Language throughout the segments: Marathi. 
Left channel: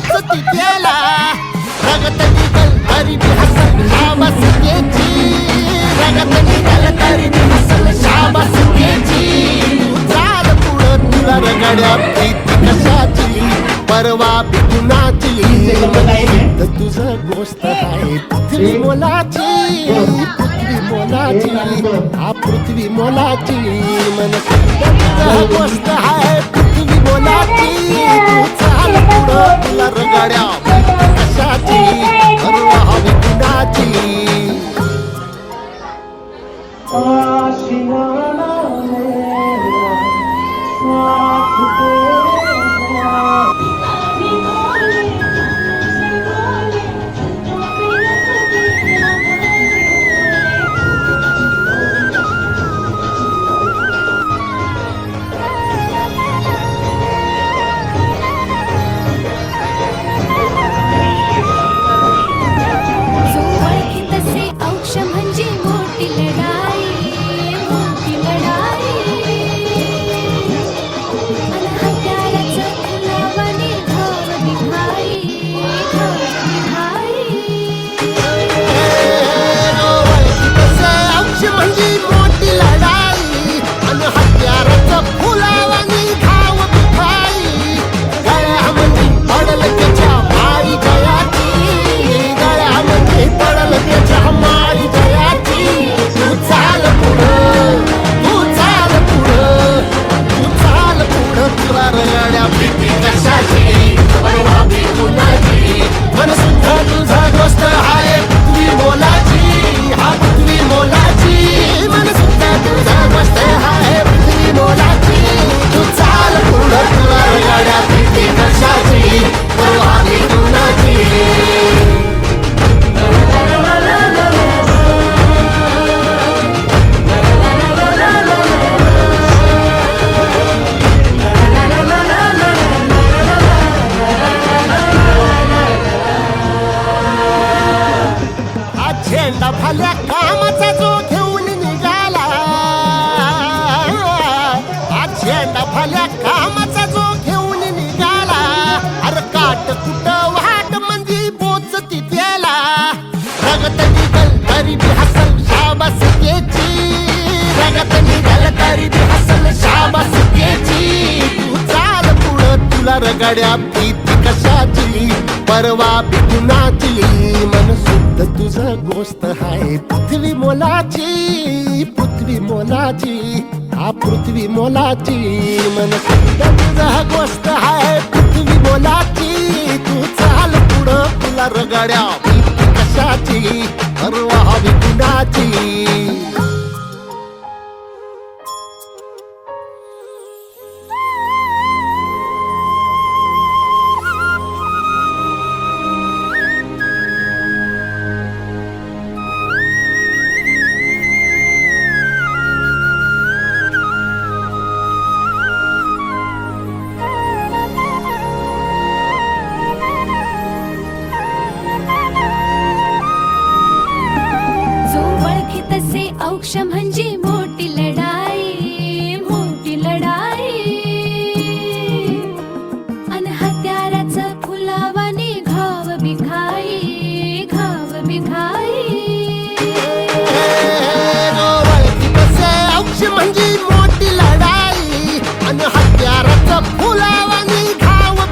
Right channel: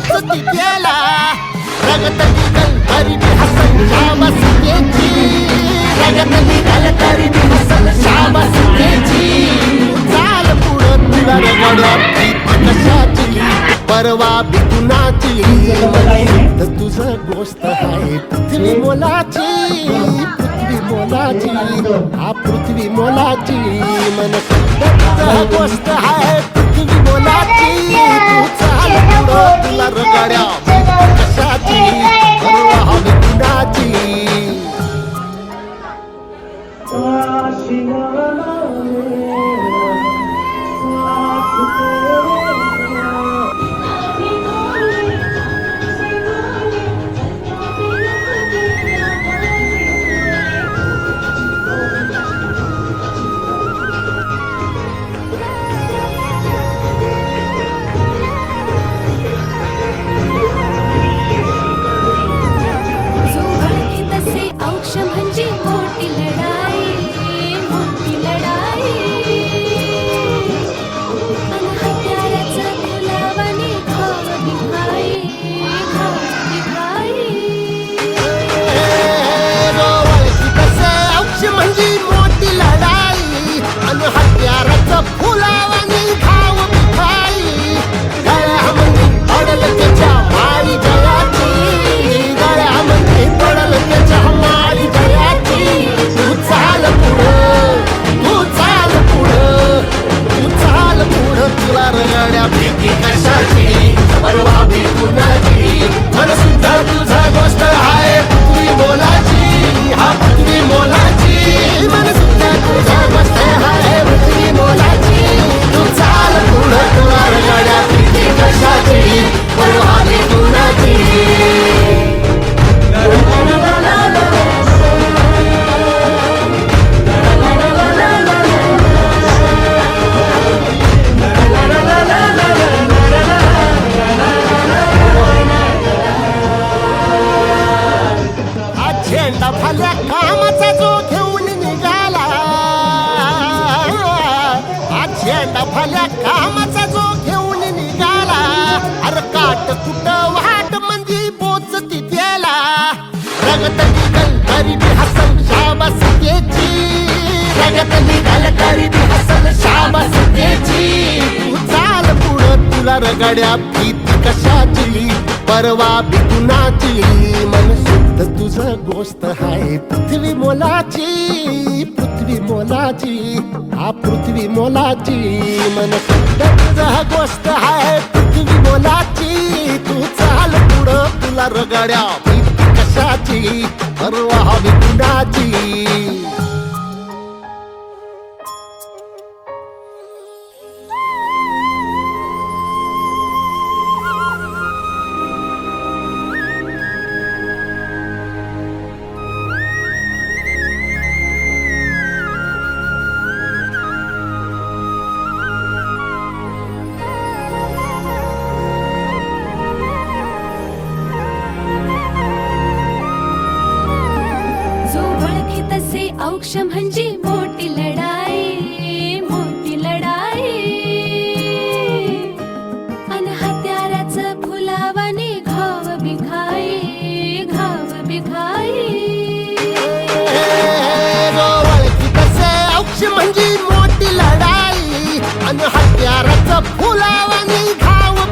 पोचती त्याला रगत निघल तरी बी हसल शाबास त्याची रगत निघल तरी बी हसल शाबास त्याची चाल पुढं तुला रगड्या भीती कशाची? परवा बी कुणाची? मन तुझं गोष्ट आहे. पृथ्वी मोलाची पृथ्वी मोलाची. हा पृथ्वी मोलाची. मन तुझं गोष्ट आहे. पृथ्वी मोलाची. तू चाल तुला रगाड्या. कशाची? परवा हवी कुणाची? तुला रगाड्या भीती कशाची? परवा भी कुणाची? मन सुद्धा तुझा गोष्ट आहे तुम्ही मोलाची. हा तुम्ही मोलाची. मन सुद्धा तफल्या कामाचा जो घेऊन निघाला. अर काट कुट वाट म्हणजे पोच तिथ्याला रगत निघल तरी बी हसल शाबास त्याची. रगत निघल तरी बी हसल शाबास त्याची. तू चाल पुढं तुला रगड्या भीती कशाची? परवा बी कुणाची? मन शुद्ध तुझं गोष्ट आहे पृथ्वी मोलाची पृथ्वी मोलाची. हा पृथ्वी मोलाची मन शुद्ध गोष्ट आहे पृथ्वी मोलाची तू चाल पुढं तुला रगाड्या. कशाची? परवा हवी कुणाची? तसे म्हणजे मोठी लढाई मोठी लढाई. अन हत्याराचं फुलावाने घाव बिघाई घाव बिघाई. ओळखी तसे औक्ष म्हणजे मोठी लढाई. आणि हत्याराचं फुलावाने घाव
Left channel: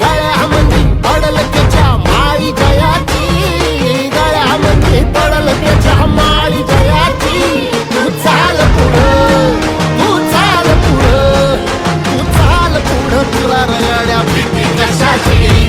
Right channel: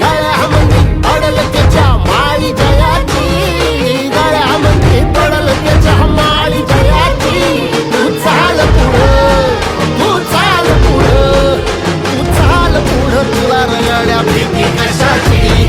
गळा म्हणजे पडल त्याच्या माळी जयाची. म्हणजे पडल त्याच्या भीती